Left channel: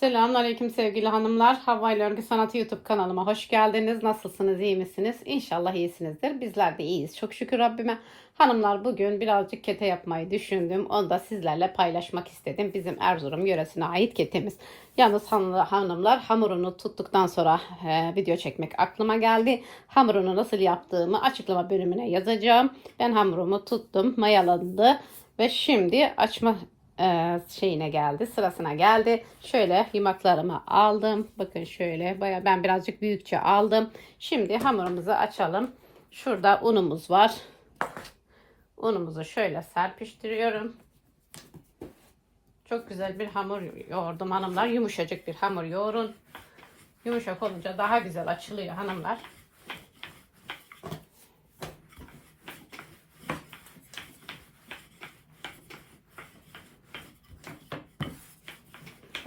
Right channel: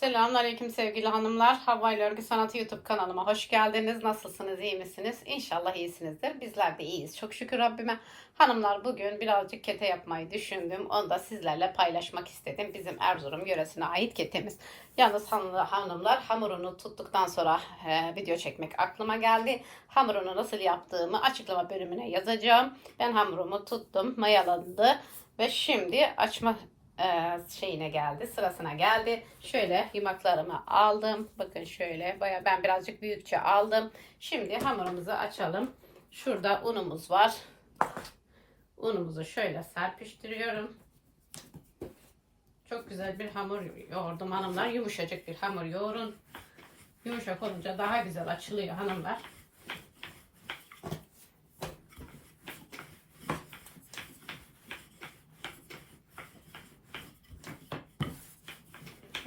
Selamünaleyküm sevgili hanımlar. Hava ile Örgü Sanatı YouTube kanalıma hoş geldiniz. Nasılsınız, iyi misiniz? İnşallah iyisinizdir. Bizler de iyiyiz. Çok şükür Rabbime. Hanımlar bugün birazcık kete yapmayı düşündüm. Onu da sizlerle paylaşmak istedim. Bizim Erzurum yöresine ait ketemiz. Yalnız hanımlar, hamurunu tuttuktan sonra e, video çekmek aklıma geldi. Hamurunu nasıl yaptığımı açıklama bölümüne yazacağım. Ben hamurumu tuttum, mayalandı ve şimdi açma e, şeyine geldi, sırasına geldi. Şöyle yumaklarımı aldım. Bakın şöyle baya ben birazcık büyükçe aldım. Şimdi hamurumuzu açalım. Şurada unumuz var. Unumuzu şöyle serpiştiriyorum. Çok güzel bir hamur yoğurdum hanımlar. Yumuşacık bir hamur yoğurun. Yumuşak olunca daha güzel açılıyor hanımlar.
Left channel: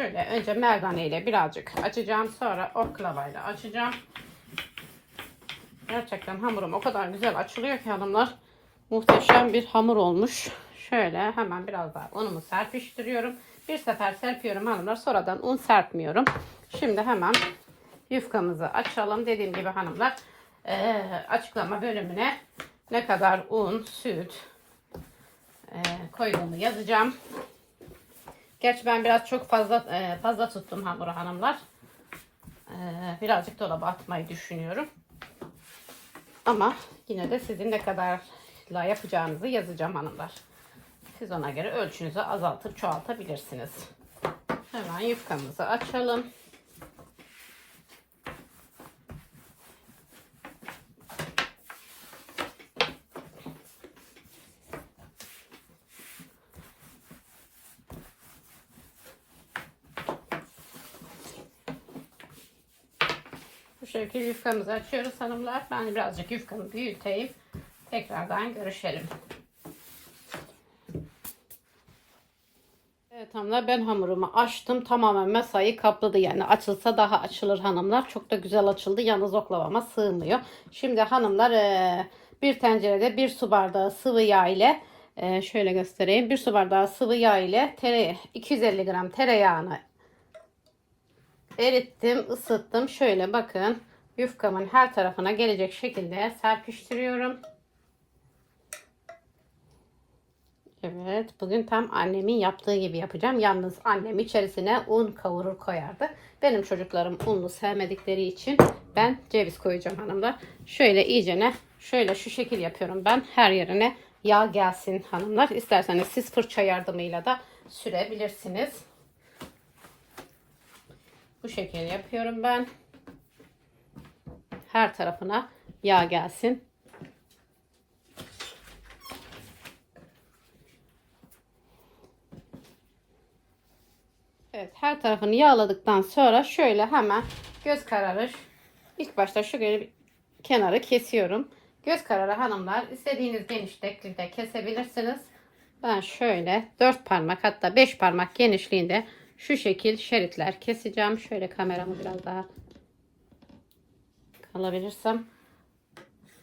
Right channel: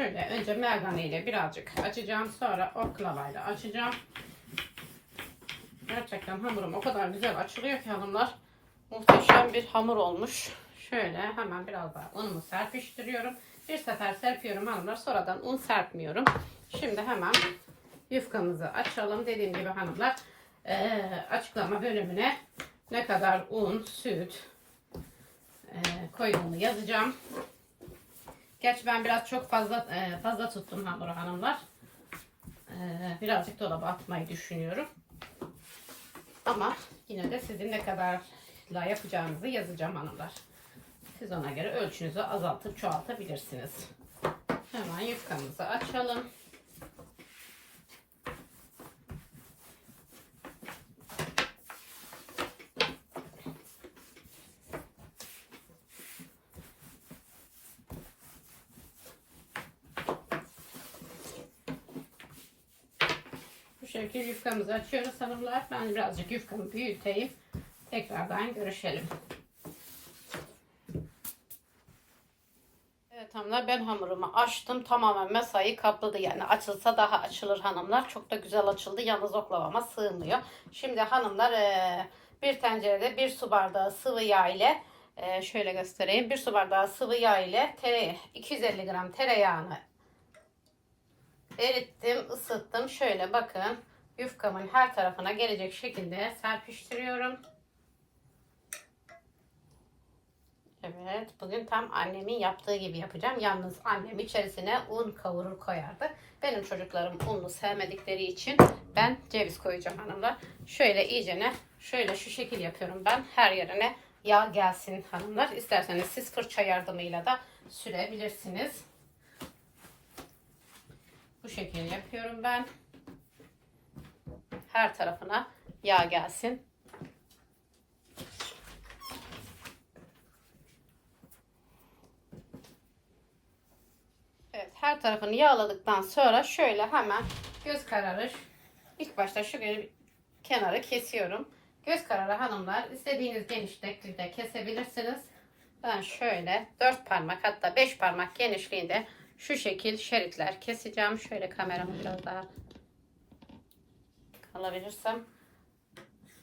Şöyle önce merdane ile birazcık açacağım. Sonra oklavayla açacağım. Gerçekten hamurum o kadar güzel açılıyor ki hanımlar. Muhteşem bir hamur olmuş. Şöyle hemen biraz daha unumu serpiştiriyorum. Bir sefer serpiyorum hanımlar. Sonradan un serpmiyorum. Şimdi hemen yufkamızı açalım. Dediğim gibi hanımlar eee, açıklama bölümüne ne kadar un, süt eee, koyduğumu yazacağım. Gerçi ben biraz çok fazla e, fazla tuttum hamuru hanımlar. E, birazcık dolaba atmayı düşünüyorum. Ama yine de sizin ne kadarla yapacağınızı yazacağım hanımlar. Siz ona göre ölçünüzü azaltıp çoğaltabilirsiniz. Hemen yufkamızı açalım. Şekilde yufkamızı açıyoruz hanımlar. Ben birazcık yufkamı büyüteyim. Tekrardan görüşelim. Evet hanımlar ben hamurumu açtım. Tamamen masayı kapladı. Yani açılsa daha açılır hanımlar. Çok da güzel açıldı. Yalnız oklavama sığmıyor. Şimdi hanımlar eee, bir tencerede bir su bardağı sıvı yağ ile eee, şöyle göstereyim. Bir su bardağı sıvı yağ ile tere, 250 gram tereyağını erittim, ısıttım. Şöyle bakın yufkamın her tarafına gelecek şekilde serpiştiriyorum. Evet, bugün tam annemin yaptığı gibi yapacağım. Yalnız annem içerisine un kavurur koyardı. Benim çocuklarım unlu sevmedikleri için ben ceviz koyacağım hanımlar. Şöyle iyicene şöyle şu şekil yapıyorum ben. Her yerine yağ gelsin hanımlar. İsterseniz siz fırça yardımıyla da sürebilirsiniz. Bu şekilde yapıyorum ben. Her tarafına yağ gelsin. Evet, her tarafını yağladıktan sonra şöyle hemen göz kararı ilk başta şu kenarı kesiyorum. Göz kararı hanımlar istediğiniz genişlikte kesebilirsiniz. Ben şöyle 4 parmak hatta 5 parmak genişliğinde şu şekil şeritler keseceğim. Şöyle kameramı biraz daha alabilirsem.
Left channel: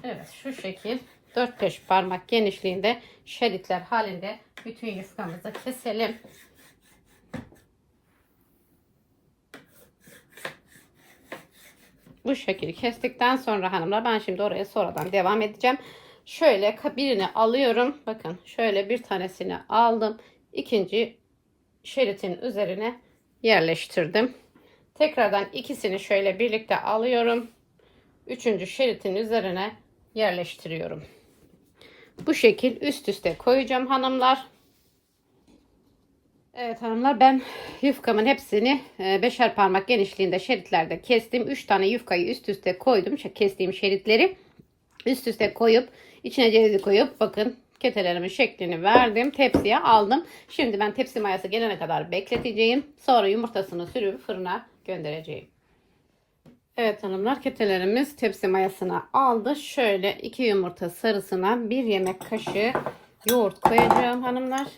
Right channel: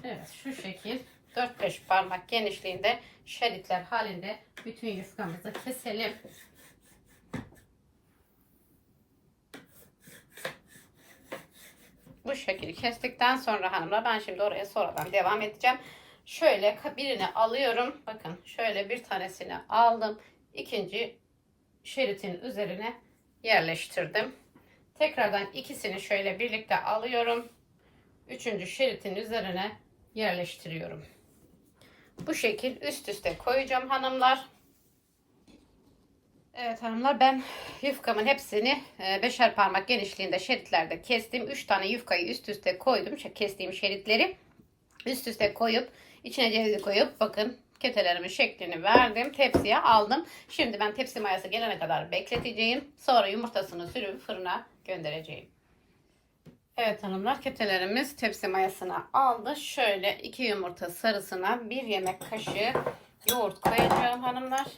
Evet şu şekil 4-5 parmak genişliğinde şeritler halinde bütün yufkamızı keselim. Bu şekilde kestikten sonra hanımlar ben şimdi oraya sonradan devam edeceğim. Şöyle birini alıyorum. Bakın şöyle bir tanesini aldım. İkinci şeritin üzerine yerleştirdim. Tekrardan ikisini şöyle birlikte alıyorum. Üçüncü şeritin üzerine yerleştiriyorum. Bu şekil üst üste koyacağım hanımlar. Evet hanımlar ben yufkamın hepsini e, beşer parmak genişliğinde şeritlerde kestim. Üç tane yufkayı üst üste koydum. Kestiğim şeritleri üst üste koyup içine cevizi koyup bakın ketelerimin şeklini verdim. Tepsiye aldım. Şimdi ben tepsi mayası gelene kadar bekleteceğim. Sonra yumurtasını sürüp fırına göndereceğim. Evet hanımlar ketelerimiz tepsi mayasına aldı. Şöyle iki yumurta sarısına bir yemek kaşığı yoğurt koyacağım hanımlar.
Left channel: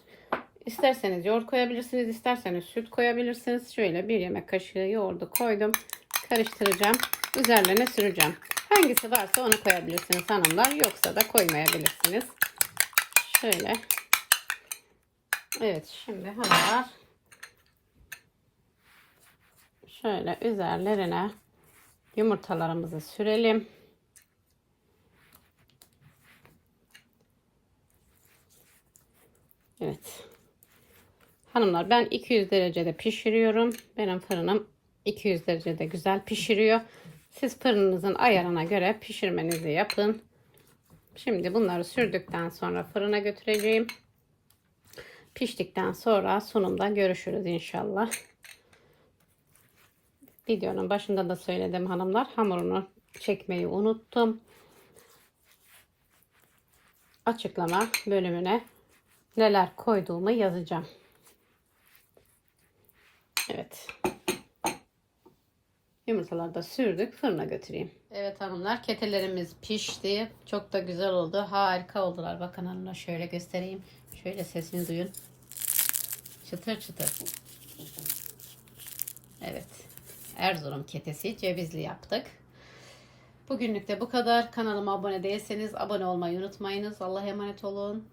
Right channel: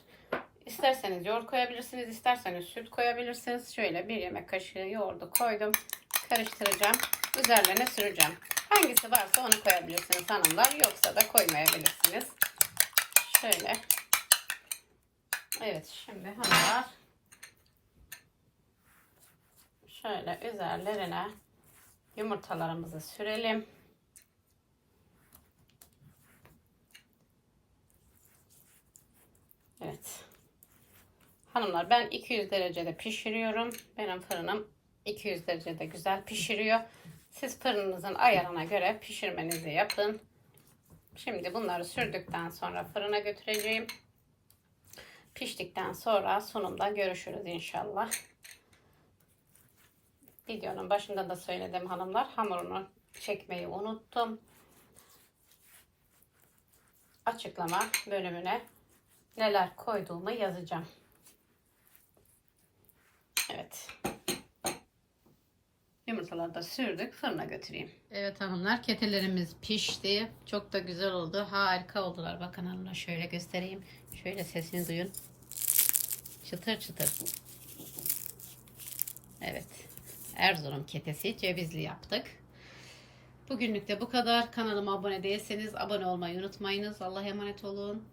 İsterseniz yoğurt koyabilirsiniz. isterseniz süt koyabilirsiniz. Şöyle bir yemek kaşığı yoğurdu koydum. Karıştıracağım. Üzerlerine süreceğim. Hangisi varsa onu koyabilirsiniz hanımlar. Yoksa da koymayabilirsiniz. Şöyle. Evet şimdi hanımlar Şöyle üzerlerine yumurtalarımızı sürelim. Evet. Hanımlar ben 200 derecede pişiriyorum. Benim fırınım 200 derecede güzel pişiriyor. Siz fırınınızın ayarına göre pişirmenizi yapın. Şimdi bunları sürdükten sonra fırına götüreceğim. Piştikten sonra sunumda görüşürüz inşallah. Videonun başında da söyledim hanımlar. Hamurunu çekmeyi unuttum. Açıklama bölümüne neler koyduğumu yazacağım. Evet. Yumurtaları da sürdük. Fırına götüreyim. Evet hanımlar ketelerimiz pişti. Çok da güzel oldu. Harika oldular. Bakın hanımlar şöyle göstereyim. Şöyle sesini duyun. Çıtır çıtır. Evet. Erzurum ketesi cevizli yaptık. Bugünlük de bu kadar. Kanalıma abone değilseniz abone olmayı unutmayınız. Allah'a emanet olun.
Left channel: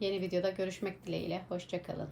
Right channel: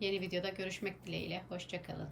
Yeni videoda görüşmek dileğiyle. Hoşçakalın.